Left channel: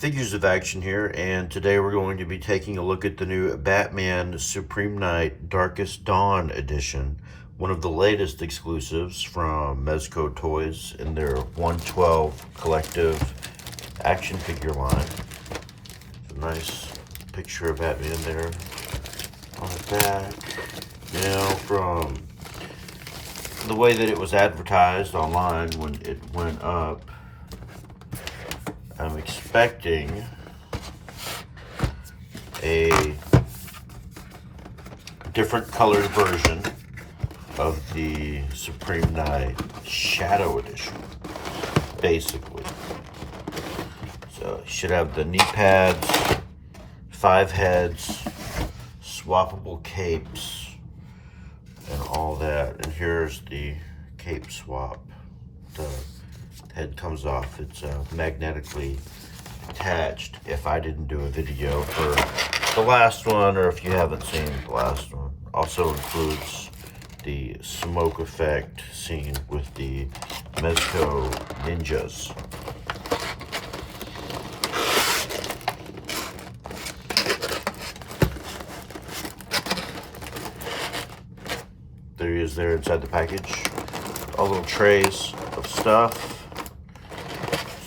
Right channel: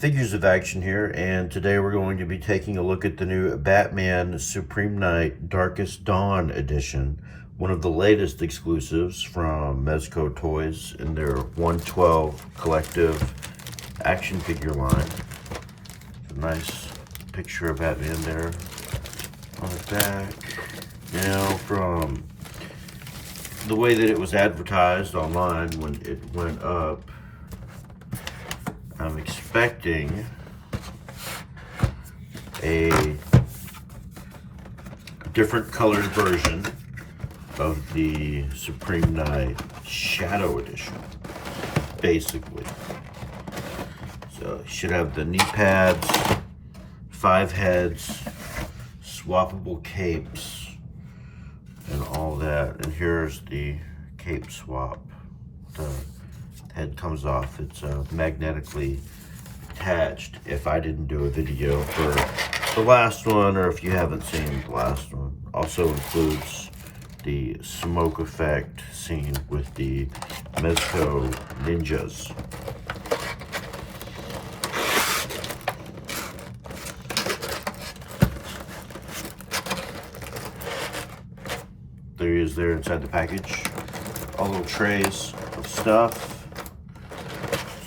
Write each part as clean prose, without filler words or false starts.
Figures of action here, and today we're going to be taking a look at the new Batman Supreme Night Darkest Dawn edition, one of the latest exclusives from Mezco Toyz in their 112 collective action figure line. It's a nice picture of Batman there on the back. Now, from the way that it was advertised online when it went up, I'm expecting a different colored version of the Supreme Night Shadow Edition, basically. So you should have the knee pads, 5 heads, swappable capes, and all that. And here's the cape swap. The head comes off. It's magnetically attached. If I didn't do a video for the last one, or if you haven't seen the last one, also includes the smoke effect scene with the Mezco ninjas. There he is there inside the package. All little trays of stuff.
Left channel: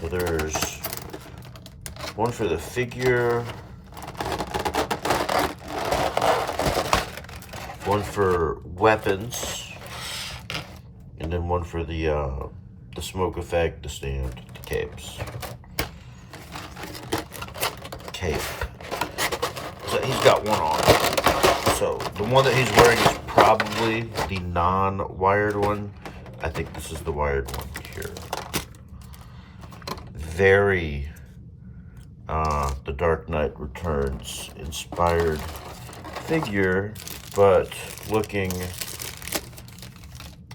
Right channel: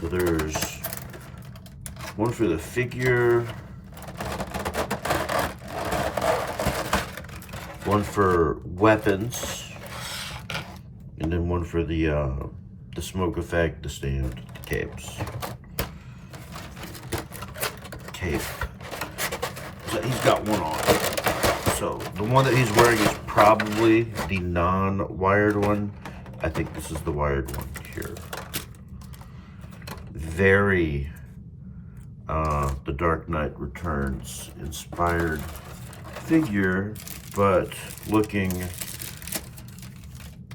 So there's one for the figure, one for weapons, and then one for the smoke effect, the stand, the capes. Cape. So he's got one on. So the one that he's wearing is probably the non-wired one. I think this is the wired one here. Very The Dark Knight Returns inspired figure, but looking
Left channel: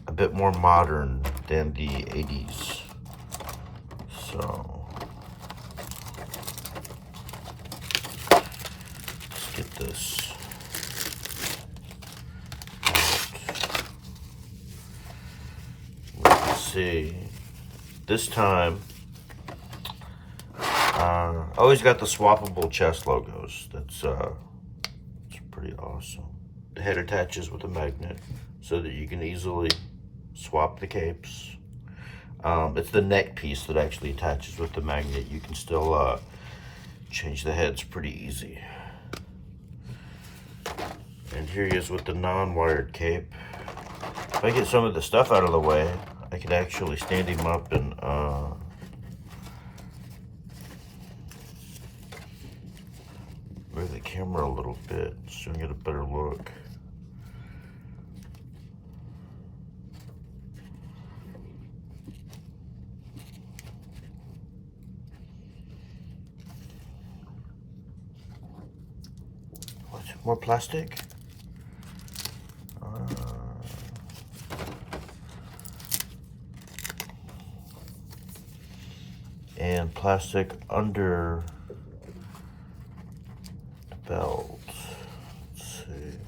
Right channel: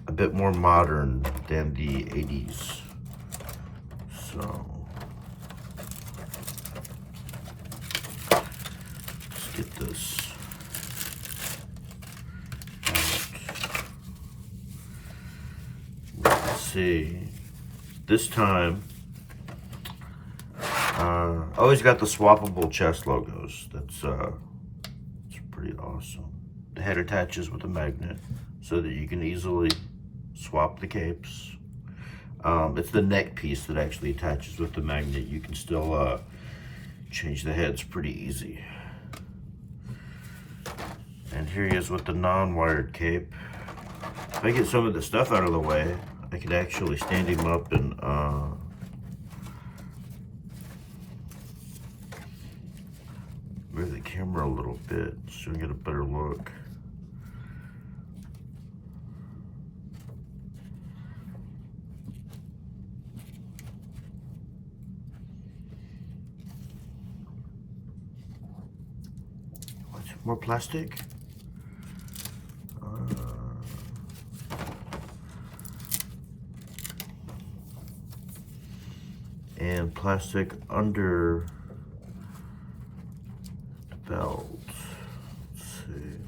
a bit more modern than the 80s. So let's get this out. Let's see. This time, always got the swappable chest logos. That's pretty awesome. The head attaches with a magnet so that you can easily swap the capes. It's the neck piece that actually attaches with the magnet. You can still change the heads pretty easy. And here he is with the non-wired cape. If I get some of the stuff out of the way, I could actually stand him up and move the camera a little bit so we can get a better look. What? More plastic? And plastic under belt. Let's see.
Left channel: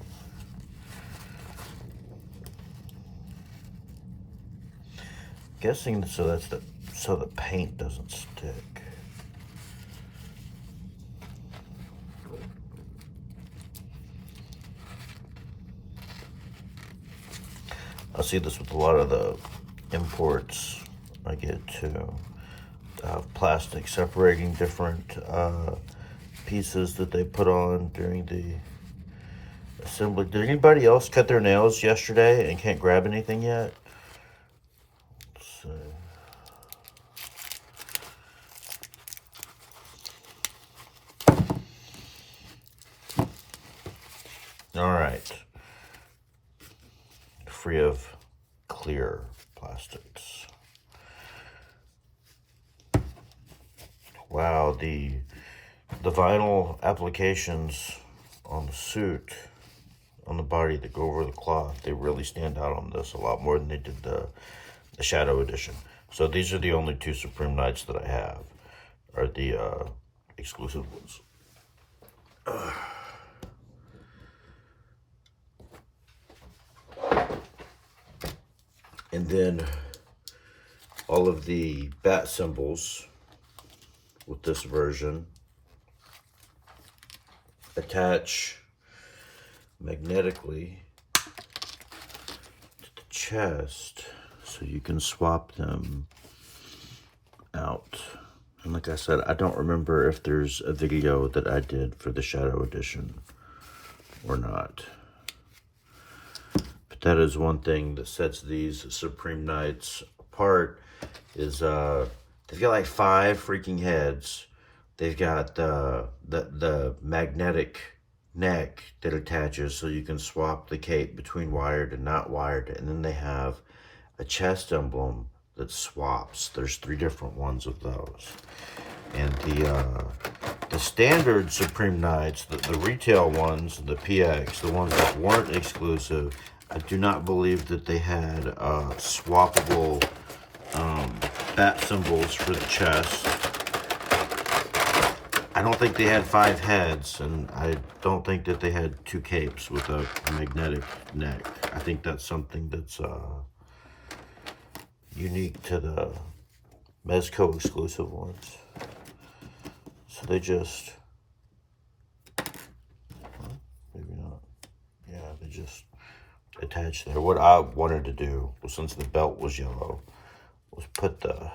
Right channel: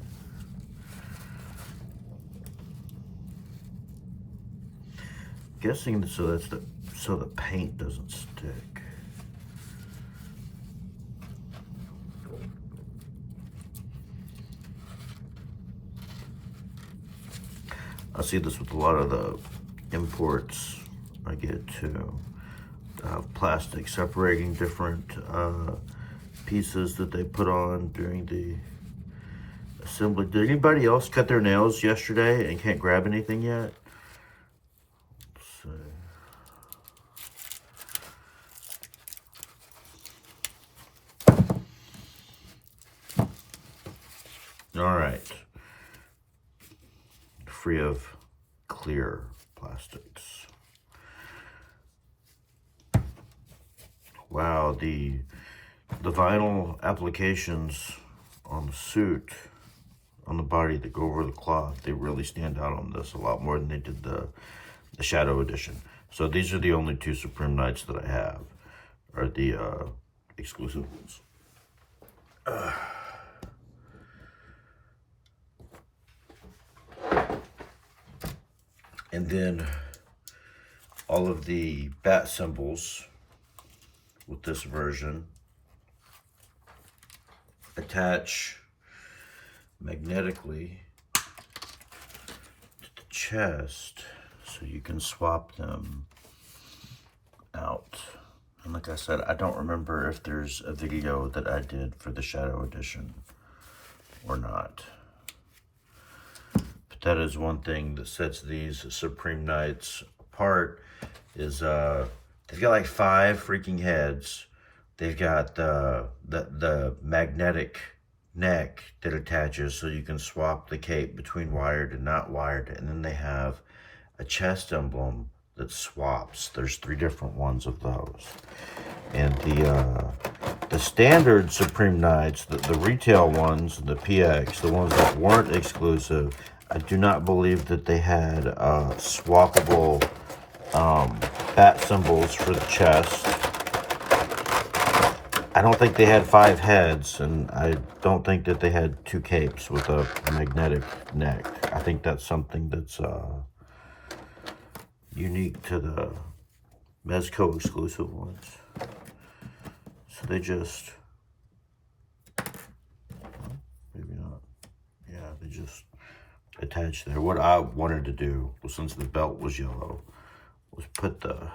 Guessing so that's so the paint doesn't stick. I see this with a lot of the imports I get too. Plastic separating different pieces that they put on during the assembly. Did anybody else cut their nails yesterday and can't grab anything yet? Let's see. All right. Free of clear plastics. Wow, the vinyl applications on the suit, on the body that go over the cloth, they really stand out on this a lot more than they did the Shadow Edition. So these are the only 2 Supreme Nights that I have, are the exclusive ones. And then all of the bat symbols with this version. Attach magnetically to the chest so you can swap them out. And like I said, I don't remember if there's a video that I did for the Shadow Edition or not. But that is one thing that sets these Supreme Knights apart, is they've got like 5 freaking heads. They've got the magnetic neck that attaches so you can swap the cape between wired and not wired. And then they have a chest emblem that swaps. There's 3 different ones of those. And the standard Supreme Knights, the retail ones, the PX, the ones that weren't exclusive, I do not believe that they had swappable bat symbols for the chest. I don't think they had 5 heads, and I don't think that they had 2 capes with a magnetic neck. I think that's something that's unique to the Mezco exclusive ones. So they just, well, maybe not. Yeah, they just attach there. What I wanted to do was, since the belt was yellow, was put the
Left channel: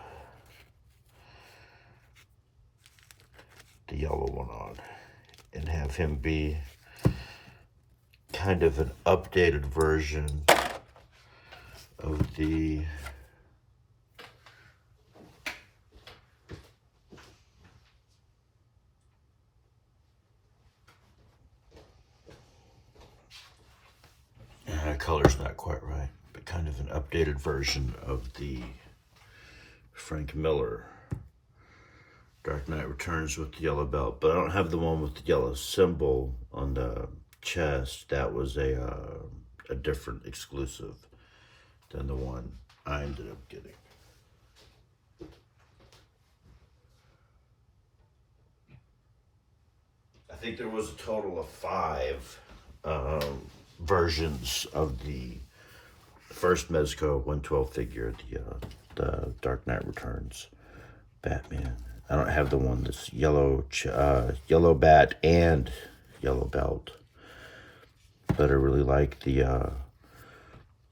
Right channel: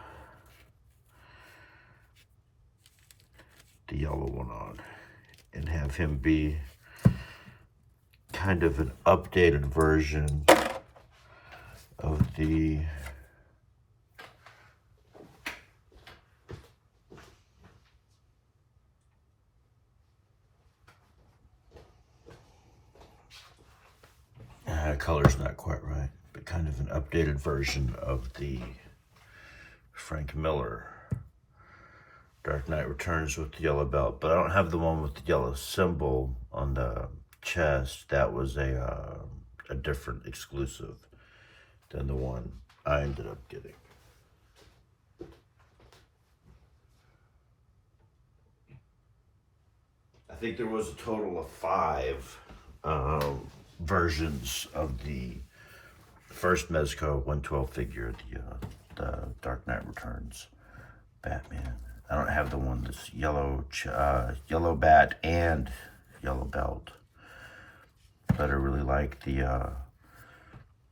yellow one on and have him be kind of an updated version of the color's not quite right, but kind of an updated version of the Frank Miller Dark Knight Returns with the yellow belt. But I don't have the one with the yellow symbol on the chest. That was a different exclusive than the one I ended up getting. I think there was a total of 5 versions of the first Mezco 112 figure, the Dark Knight Returns Batman. I don't have the one that's yellow bat and yellow belt, but I really like the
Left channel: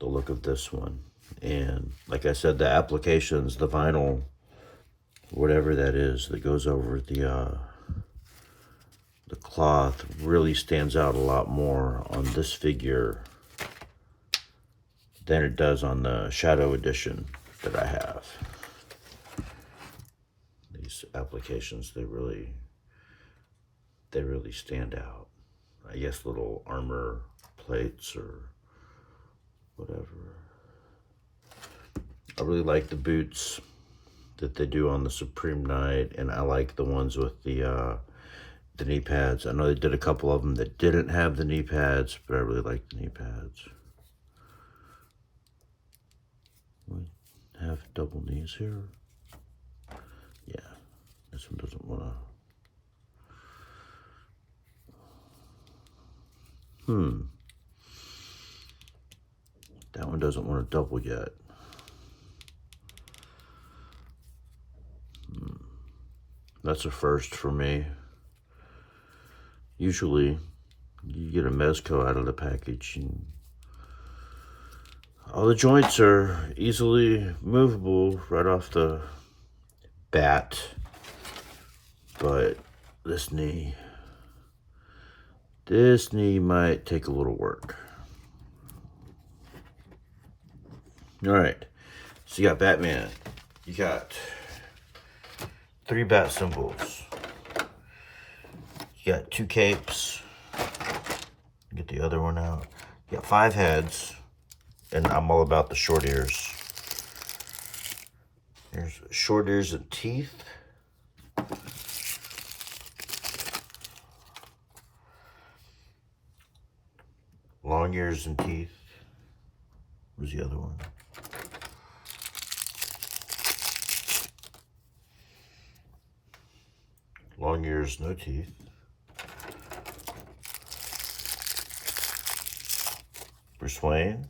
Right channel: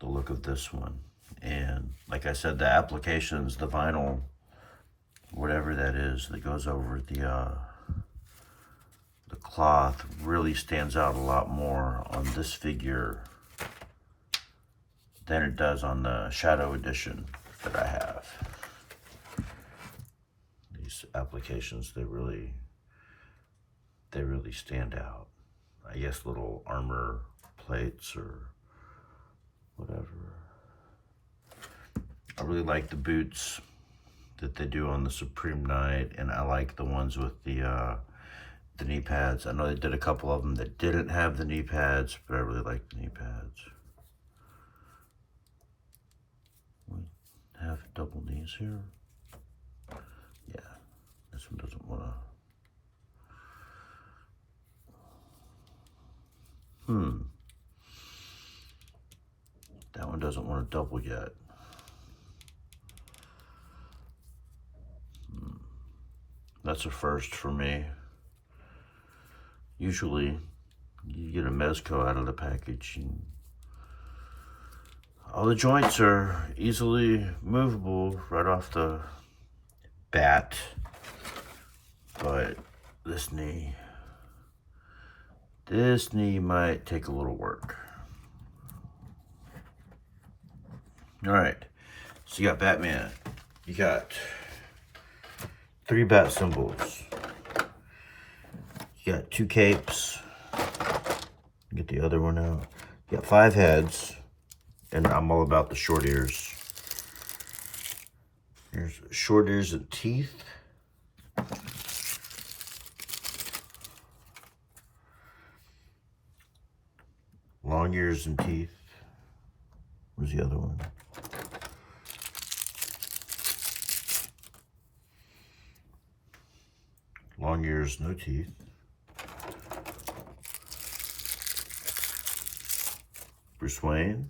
look of this one. And like I said, the applications, the vinyl, whatever that is that goes over the cloth, really stands out a lot more on this figure than it does on the Shadow Edition that I have. These applications, they really stand out. I guess little armor plates or whatever. I really like the boots that they do on the Supreme Knight, and I like the ones with the knee pads. I know they did a couple of them that didn't have the knee pads, but I really like the knee pads. We have double knees here. Yeah, this one doesn't want to. That one doesn't want to double yet. That's a first for me. Usually, you get a Mezco out of the package, and all the joints are easily movable right off the bat. But this knee might take a little work. All right, so you got Batman. You got 3 bat symbols. You got 2 capes. Get the other one out. You got 5 heads, and I'm all about the short ears. There's short ears and teeth. Long ears and teeth. Where's the other one? Long ears, no teeth. Bruce Wayne.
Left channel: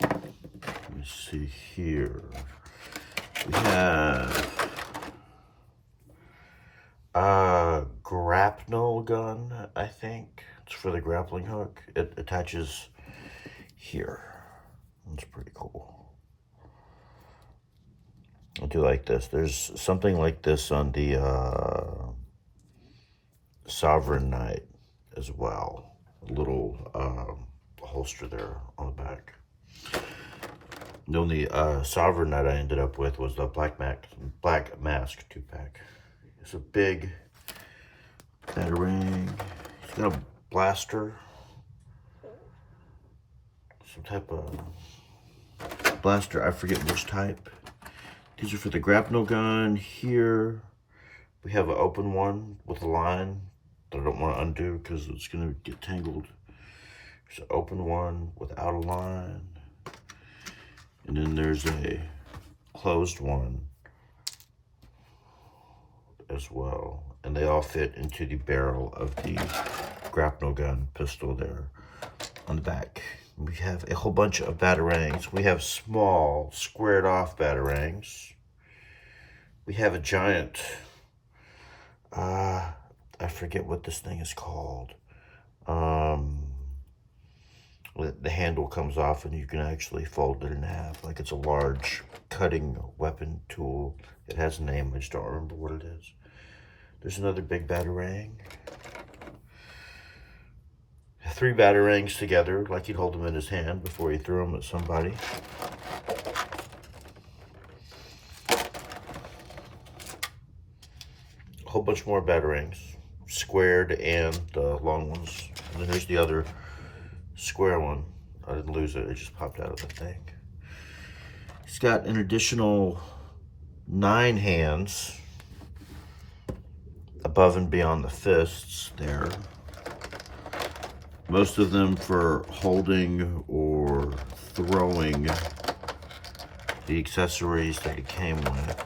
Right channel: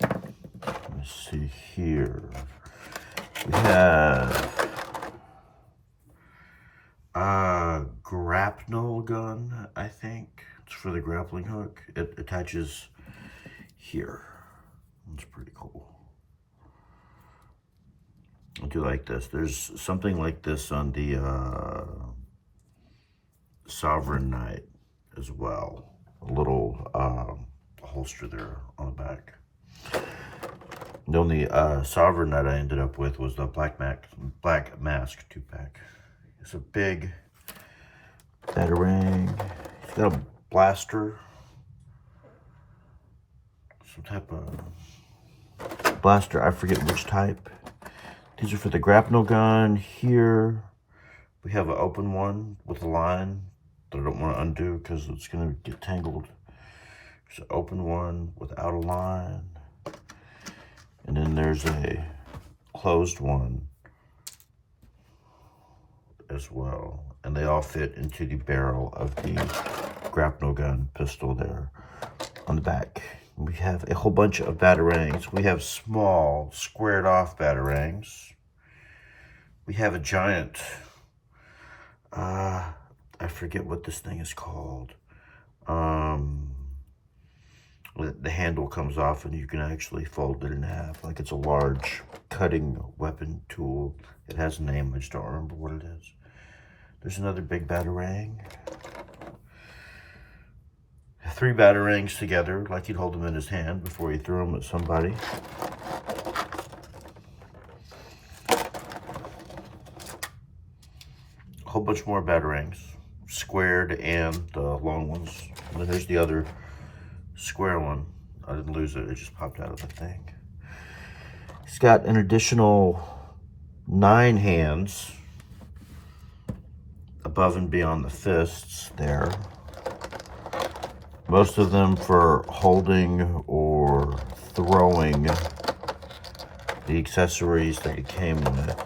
Let's see here. We have a grapnel gun, I think. It's for the grappling hook. It attaches here. That's pretty cool. I do like this. There's something like this on the Sovereign Knight as well. A little holster there on the back. The only Sovereign Knight I ended up with was the Black Mask 2-pack. It's a big batarang. He's got a blaster. Some type of blaster. I forget which type. These are for the grapnel gun. Here we have an open one with a line that I don't want to undo because it's going to get tangled. There's an open one without a line. And then there's a closed one as well. And they all fit into the barrel of the grapnel gun pistol there on the back. We have a whole bunch of batarangs. We have small, squared off batarangs. We have a giant, I forget what this thing is called. The handle comes off and you can actually fold it in half. Like it's a large cutting weapon tool. It has a name, I just don't remember what it is. There's another big batarang. 3 batarangs together, like he'd hold them in his hand before he threw them at somebody. A whole bunch more batarangs, squared and the long ones. And then there's the other square one. I didn't lose it, it just popped out of the thing. He's got an additional 9 hands above and beyond the fists there. Most of them for holding or throwing the accessories that it came with.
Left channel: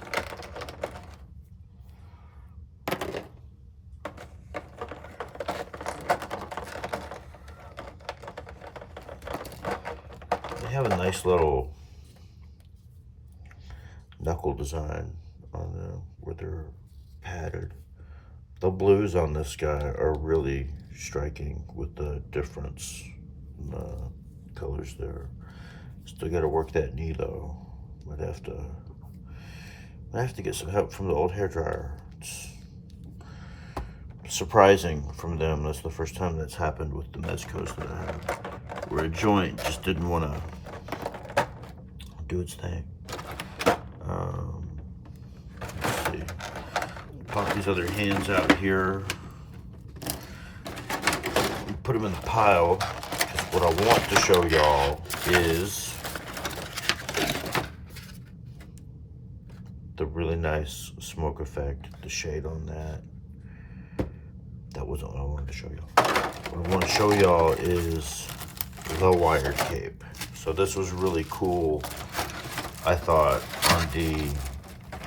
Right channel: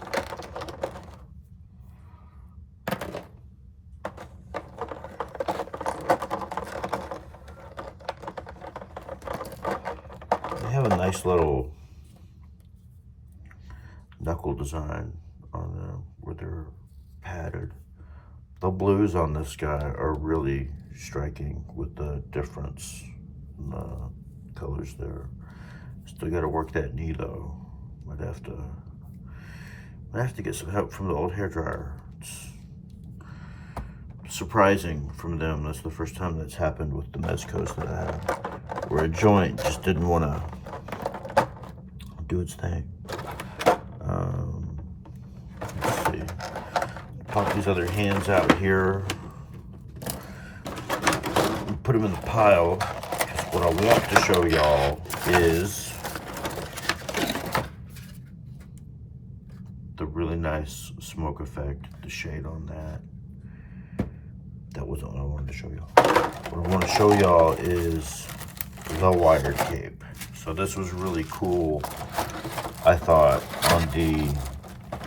They have a nice little knuckle design on them where they're padded. The blues on this guy are really striking with the difference in the colors there. Still got to work that knee though. Might have to get some help from the old hairdryer. It's surprising from them. That's the first time that's happened with the Mezcos that I have, where a joint just didn't want to do its thing. Let's see. Pop these other hands out here. Put them in the pile. Because what I want to show y'all is the really nice smoke effect, the shade on that. That wasn't what I wanted to show y'all. What I want to show y'all is the wired cape. So this was really cool, I thought, on the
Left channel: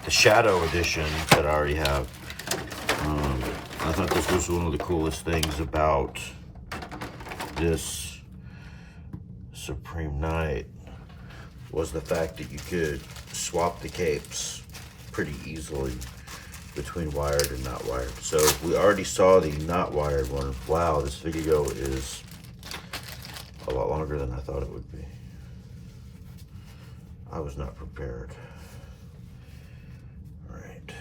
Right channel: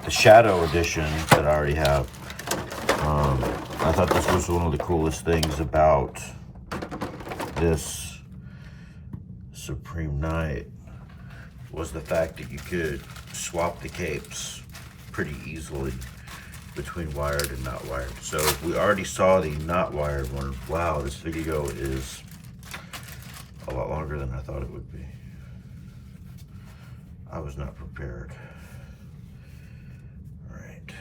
Shadow edition that I already have. I thought this was one of the coolest things about this Supreme Knight, was the fact that you could swap the capes pretty easily between wired and not wired. So we already saw the not wired one. Wow, this video is a lot longer than I thought it would be. I was not prepared. All right,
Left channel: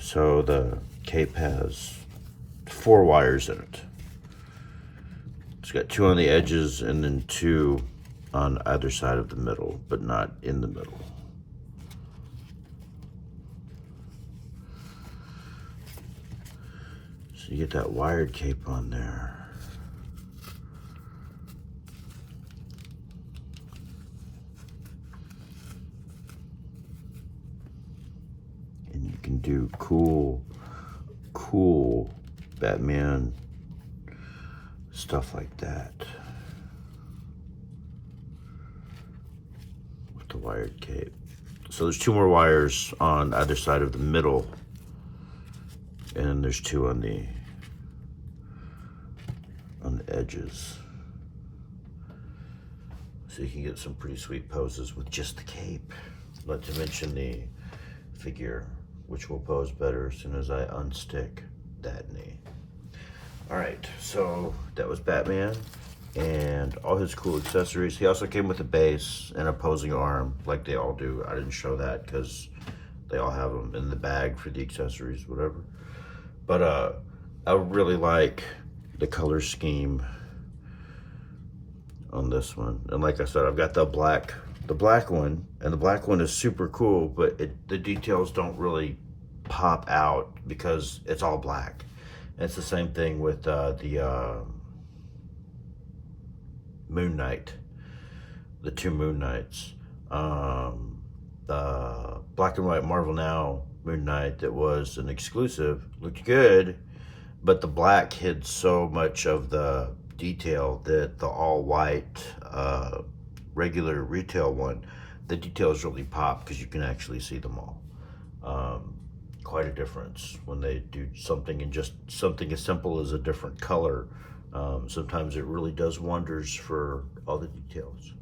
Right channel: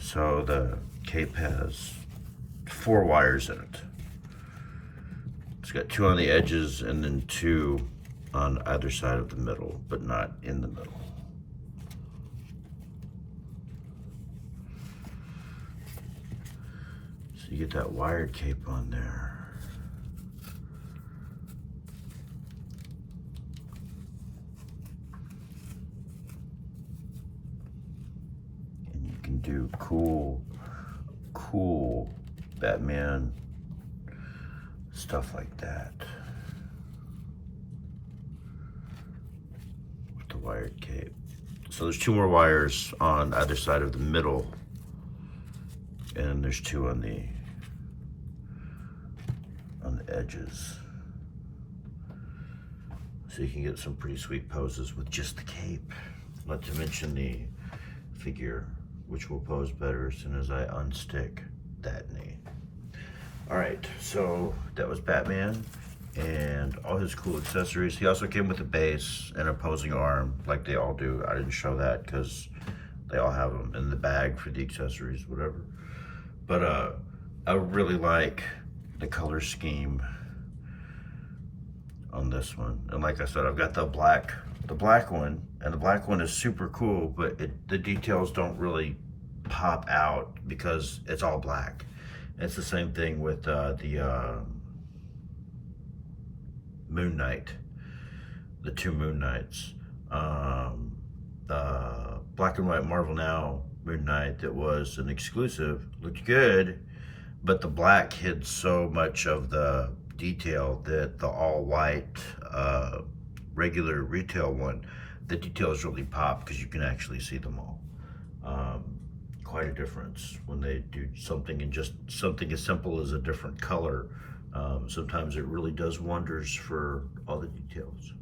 so the cape has 4 wires in it. It's got 2 on the edges and then 2 on either side of the middle, but not in the middle. So you get that wired cape on there. And you can do cool Batman stuff like that with the wired cape. So there's 2 more wires on either side of the middle, and there's 2 on the edges. So you can get some pretty sweet poses with just the cape. Not to mention the figure, which will pose better as soon as I unstick that knee. All right, so that was Batman and all his cool accessories. He also came with a base and opposing arm, like they all do. I didn't show that because they all have them in the bag for the accessories, whatever. But I really like the color scheme on this one. And like I said, I've got the black one, and the black one is super cool, but the details don't really pop out because it's all black. And it's the same thing with the Moon Knight, the two Moon Knights. The black and white Marvel Now Moon Knight that was an exclusive looked good, but the black hid so much of the detail that the all white regular retail one, the details really pop because you can actually see them all. Quite a difference when they do something and just something as simple as a different color. Sometimes it really does wonders for all the details.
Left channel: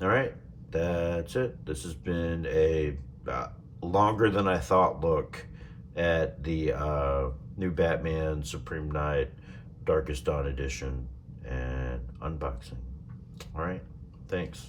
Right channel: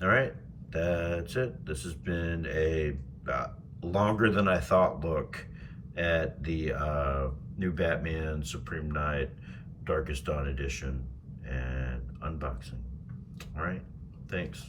All right, that's it. This has been a longer than I thought look at the new Batman Supreme Night Darkest Dawn edition and unboxing. All right, thanks.